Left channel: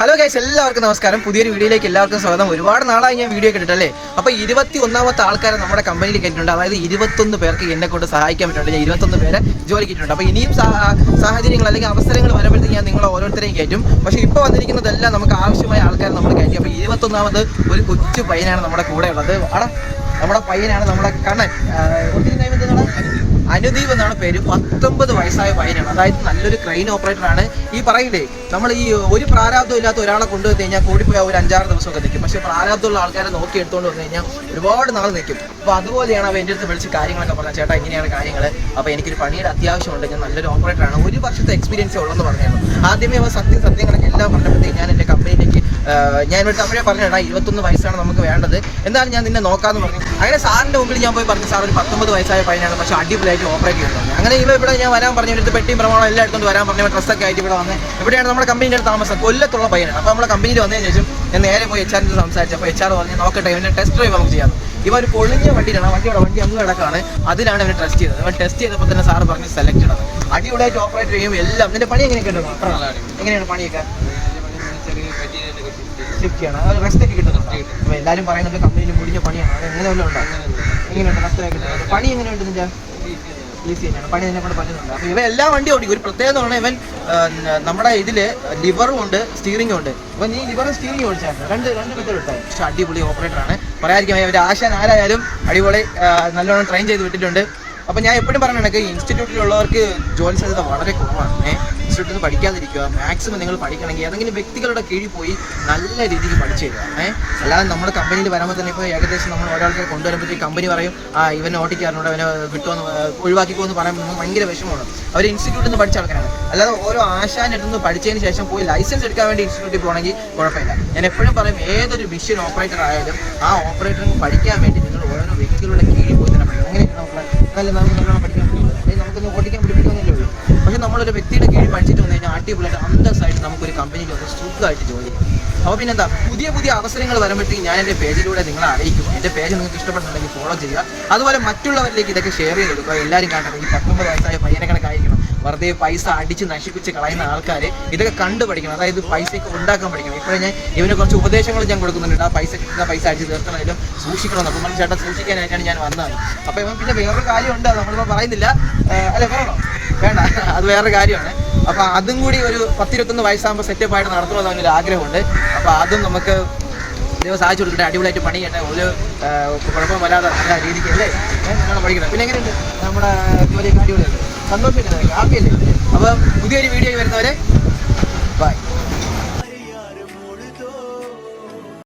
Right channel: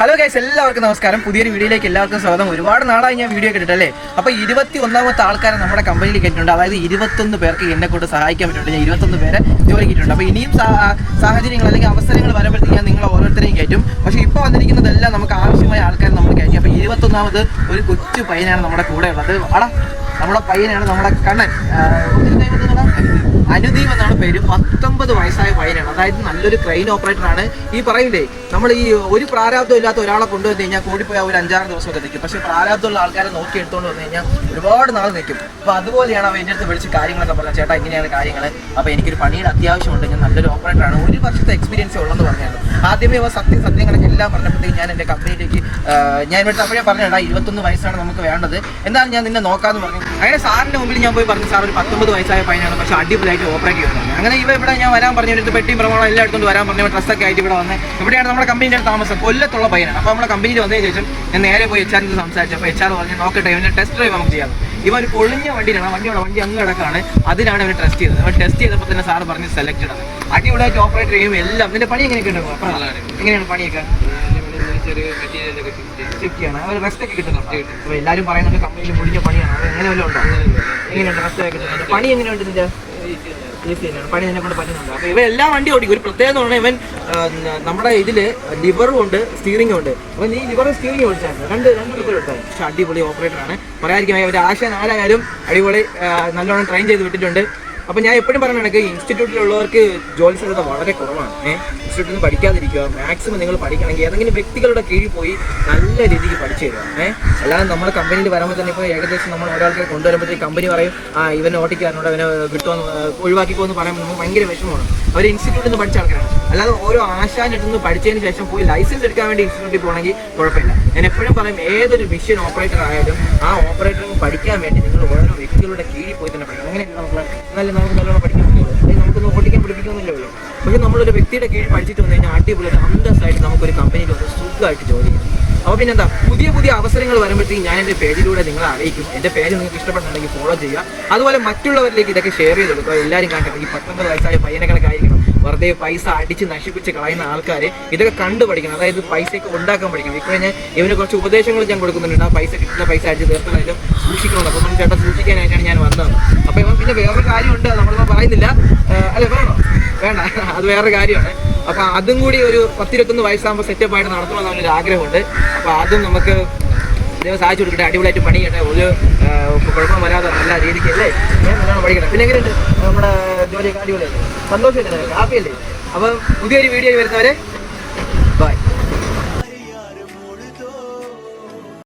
Hello guys എല്ലാവർക്കും നമസ്കാരം. പുതിയൊരു വീഡിയോയിലേക്ക് എല്ലാവർക്കും സ്വാഗതം. ഒരുപാട് നാളായി ഞാൻ വീഡിയോ കേട്ടിട്ടല്ലേ അപ്പോൾ ഇരുപത്തി ഒന്നാമത്തെ ആൾക്കാരെ നമ്മുടെ കമ്പനിയിൽ കേട്ടിട്ടുണ്ട് അതായത് ഇരുപത്തൊന്ന് പേർക്ക് എന്നെ കൊണ്ട് സഹായിക്കാൻ പറ്റുന്നുണ്ട് ഞാൻ ഇരുപത്തൊന്ന് പേരെ ജോലി കിട്ടിയിട്ടുണ്ട് അപ്പോൾ ഇനിയും സാഹചര്യങ്ങൾ അല്ലെങ്കിൽ അവസരങ്ങൾ വരുമ്പോഴത്തേക്ക് ഞാൻ നിങ്ങളെ ഓരോരുത്തരെയും കയറ്റും പക്ഷേ ഇപ്പോൾ വന്നിരിക്കുന്നതെല്ലാം നമുക്ക് ആവശ്യമായ ആൾക്കാരെ നമ്മൾ കയറ്റും അപ്പോൾ ഇരുപത്തൊന്നാമത് ഒരു കൊച്ചു പയ്യനാണ് നമ്മുടെ കൂടെ ഉള്ളത്. അവിടെ നമ്മുടെ പയ്യനാണ് നമ്മുടെ കണ്ണൻ. ഒത്തിരി? അനുദീപ് എന്നാണ് പേര്. പത്തൊമ്പത് വയസ്സായ പയ്യനാണ് അതായത് നല്ലൊരു ക്രെയിൻ ഓപ്പറേറ്റർ ആണ്. ഈ പറയില്ലേ നമ്മൾ ഈ ഒരു പ്രാരാബ്ദം ഇല്ലാത്ത ഒരാളെ കൊണ്ടുവന്ന് കഴിഞ്ഞാൽ കൂടിപ്പോയാൽ ഒരു അഞ്ചാറ് ദിവസമൊക്കെ നിൽക്കും പക്ഷേ പ്രാരാബ്ദമുള്ള ആൾക്കാരെ നോക്കി എടുത്തുകൊണ്ട് വന്നു കഴിഞ്ഞാൽ ഒരുപാട് നാൾ നിൽക്കും അപ്പോൾ അതുപോലെയാണ് അവൻ എന്റെ അടുത്ത് വിളിച്ച് കാര്യങ്ങളൊക്കെ പറഞ്ഞത്. ചേട്ടാ ഇങ്ങനെയാണ് കാര്യങ്ങൾ അപ്പോൾ എനിക്കൊരു പണിയുടെ അത്യാവശ്യമുണ്ട് ഞാൻ നല്ലൊരു ഓപ്പറേറ്റർ ആണ്. ഒരു വർഷത്തെ എക്സ്പീരിയൻസ് ഉള്ളെന്ന് പറഞ്ഞായിരുന്നു. ആദ്യമേ അവ സത്യം സത്യങ്ങളെല്ലാം എല്ലാം പറഞ്ഞപ്പോഴത്തേക്ക് ഞാൻ എന്റെ കമ്പനിയിലേക്ക് ഞാൻ ഇവിടെ അപ്പോഴേ പറഞ്ഞാ ഇരുപത്തൊന്ന് വയസ്സാണ് നമുക്ക് വേണ്ടത്. എന്തായാലും ഞാൻ നിന്നെ നോക്കാന്ന് പറഞ്ഞു. അങ്ങനെ സാറിന്റെ മുമ്പിൽ ഞാൻ പോയി പറഞ്ഞു സാർ ഒരു പത്തൊമ്പത് വയസ്സായ പയ്യനാണ് പക്ഷേ അടിപൊളിയായിട്ട് ഓപ്പറേറ്റ് ചെയ്യുന്നത് അങ്ങനെ ഇവ ഇവിടെ ഞാൻ വരാൻ പറഞ്ഞു എടുത്ത് പെട്ടിയും പ്രമാണം എല്ലാം എടുത്തുകൊണ്ട് വരാൻ പറഞ്ഞു ഡ്രസ്സൊക്കെ ആയിട്ട് ഇവിടെ വന്ന്. ഇവിടെയാണ് നമ്മുടെ കമ്പനിയുടെ താമസം. കൊല്ലത്തുള്ള പയ്യനാണ്. അപ്പോൾ നമ്മുടെ കമ്പനിയിൽ വന്നതിന് ശേഷം ഞാൻ നേരെ പോയി എച്ച് സംസാരിച്ചു. അപ്പൊ എച്ച് ആർ പറഞ്ഞു നോക്കട്ടെ ഇവന്റെ ടെസ്റ്റ് ഡ്രൈവ് നമുക്ക് ചെയ്യാം. ഇവ ഒരു പൊളിഞ്ഞ വണ്ടിയിലാണ്. വണ്ടി വണ്ടിയുടെ വണ്ടി അങ്ങ് കിടക്കാണ് അതിലാണ് അവൻ ടെസ്റ്റ് ചെയ്തത്. അവൻ ടെസ്റ്റ് ചെയ്തപ്പോൾ തന്നെ സാർ പറഞ്ഞ് സെലക്റ്റഡ് ആണ്. അടിപൊളിയായിട്ട് ഓപ്പറേറ്റ് ചെയ്യും എല്ലാം. നിന്റെ പണി എങ്ങനെയൊക്കെ ഉണ്ടോ എങ്ങനെയാണ് പണിയൊക്കെ? അവർ റെസ്റ്റ് ഒക്കെ കിട്ടുന്നുണ്ട്. അപ്പോൾ എല്ലാവരും പറയുന്നത് കമ്പനിയിൽ മുടിഞ്ഞ പണിയാണ്. അത് എങ്ങനെ വല്ലതും ഉണ്ടോ? എങ്ങനെയുണ്ട് റെസ്റ്റ് ഒക്കെ പണി എങ്ങനെയുണ്ട് ഇതിന്റെ പണി എന്നെ കൊണ്ട് പറ്റുന്നുണ്ട്? അപ്പോൾ ഇവ എല്ലാ വണ്ടി ഓടിക്കും. ഒരു പ്രത്യേകത എന്ന് പറഞ്ഞാൽ ഇവൻ നമ്മുടെ ഇതിൽ ലിവറും ഉണ്ട് സ്റ്റീറിംഗും ഉണ്ട്. ഇവൻ നീ ലിവറും സ്റ്റീറിംഗ് ഓടിച്ചായിരുന്നു രണ്ട് രണ്ട് വിധത്തിൽ എടുത്തായിരുന്നു പക്ഷേ അടിപൊളി ഓപ്പറേറ്ററാണ് പറയാതിരിക്കും ഇവർ ആശാൻ ആരായാലും അടിപൊളി നല്ലോണം ട്രെയിൻ ചെയ്ത് വിട്ടിട്ടുണ്ട്. അപ്പോൾ ഞാൻ എപ്പോഴും പറഞ്ഞ കണക്ക് ഇൻസ്റ്റിറ്റ്യൂട്ടിലുള്ളവർക്ക് ജോലി സാധ്യത വളരെ കുറവാണ്. ഇൻസ്റ്റിറ്റ്യൂട്ടിൽ നിന്ന് പഠിക്കാതിരിക്കുക മാക്സിമം നിങ്ങൾ പഠിക്കണമെങ്കിൽ ഏതെങ്കിലും വ്യക്തികളുടെ കീഴിൽ പോയി നല്ല രീതിക്ക് പഠിച്ചു തരിക. ഏഹ് അല്ലാതെ നമ്മുടെ കമ്പനിയിൽ വരുമ്പോൾ തന്നെ ഇപ്പോൾ ഏകദേശം നമ്മൾ ഒരാൾക്കാരെ കൊണ്ടുവരുമ്പോഴത്തേക്ക് കമ്പനി പറയും ആ ഇവനെ ഓട്ടിക്കാരനോട് അവനെ കിട്ടുമെന്ന് ഒഴിവാക്കിക്കോന്ന് പറയുമ്പോൾ നമുക്ക് ഭയങ്കര വിഷമമാണ്. അവർ ഇൻസ്റ്റിറ്റ്യൂട്ടിൽ നിന്ന് പഠിച്ച ആൾക്കാരാണ്. അല്ലാതെ ഓരോ ആശാന്റെ നിന്ന് പഠിച്ചതിന് ശേഷം പോയി ലൈസൻസ് എടുക്കാൻ വേണ്ടി ഇൻസ്റ്റിറ്റ്യൂട്ടിൽ പോകണമെങ്കിൽ കുഴപ്പമില്ല. ഞാൻ എപ്പോഴും പറയും ഏതൊരു മെഷീൻ ഓപ്പറേറ്റർ ആയാലും ആ ഓപ്പറേറ്ററിന് പഠിക്കാൻ വേണ്ടി നിങ്ങൾ ഓരോ വ്യക്തികളുടെ കീഴിൽ പോയി തന്നെ പഠിക്കണം അങ്ങനെ നമുക്ക് നല്ല നമുക്ക് നല്ലോണം പഠിക്കാൻ പറ്റുള്ളൂ അല്ലെങ്കിൽ നമുക്കൊന്ന് പൊട്ടിക്കാൻ പിടിപ്പിക്കുന്നില്ലേ ഉള്ളൂ പക്ഷെ നമ്മളൊരു വ്യക്തിയുടെ കീഴിൽ പഠിച്ചിട്ട് വന്നു കഴിഞ്ഞാൽ അടിപൊളിയായിട്ട് അന്തസ്സായിട്ട് നമുക്കൊരു കമ്പനിയിൽ വന്ന് സുഖമായിട്ട് ജോലി ചെയ്യാം. അപ്പോൾ പിന്നെന്താ പുതിയ പുതിയ അവസരങ്ങൾ വരുമ്പോഴത്തേക്കും ഞാൻ എന്റെ പേജിലൂടെ നിങ്ങളെ അറിയിക്കും. എന്റെ പേര് നിങ്ങൾക്ക് ഇഷ്ടപ്പെട്ടുണ്ടെങ്കിൽ ഫോളോ ചെയ്യുക. അതുപോലെ മറ്റുള്ളവരിലേക്ക് ഇതൊക്കെ ഷെയർ ചെയ്ത് കൊടുക്കുക. എല്ലാവരും കാണട്ടെ ഈ പത്തൊമ്പത് വയസ്സായ പയ്യനെ കണക്കായിരിക്കണം വെറുതെ പൈസ അടിച്ച് നശിപ്പിച്ച് കളയുന്ന ആൾക്കാർ ഇതൊക്കെ കണ്ടു പഠിക്കണം. അതായത് പൈസയൊക്കെ ഉണ്ടാക്കാൻ പഠിക്കണം. ഇപ്പോൾ ഞാൻ ഇവന് കുറച്ച് ഉപദേശങ്ങൾ ഞാൻ കൊടുക്കുന്നുണ്ട്. ആ പൈസ കിട്ടുന്ന പൈസ അടിച്ച് തീർത്തതായാലും സൂക്ഷിക്കണം അപ്പോൾ നമ്മൾ ചേട്ടൻ സൂക്ഷിക്കാനായിട്ടാണ് ഞാൻ വന്നത്. അപ്പോൾ ഇവൻ പിന്നെ വേറൊരു കാര്യമുണ്ട് നമ്മളിപ്പോൾ പറയുന്നില്ല. അല്ലേ പറയണോ? അത് വേറൊരു കാര്യമാണ്. അപ്പൊ അതും കൂടി ഒരു പത്തിരുപത്തൊന്ന് വയസ്സാകുമ്പോൾ സെറ്റപ്പ് ആയിട്ട് നടത്തണമെന്ന് ഒരു ആഗ്രഹമുണ്ട്. അപ്പൊ അതും നമുക്ക് ദൈവം സാധിച്ചു കൊടുക്കട്ടെ അടിപൊളിയായിട്ട് പണി ചെയ്യട്ടെ ഒരു കുഴപ്പം വരാതെ നല്ല രീതിക്ക് അല്ലേ? നല്ലോണം പഠിക്കണം. പിന്നെ എങ്ങനെയുണ്ട്? നമ്മുടെ ജോലിയൊക്കെ അടിപൊളിയായിട്ട് സന്തോഷമായിട്ട് ഹാപ്പി അല്ലേ അപ്പം പുതിയൊരു വീഡിയോ വരുന്നവരെ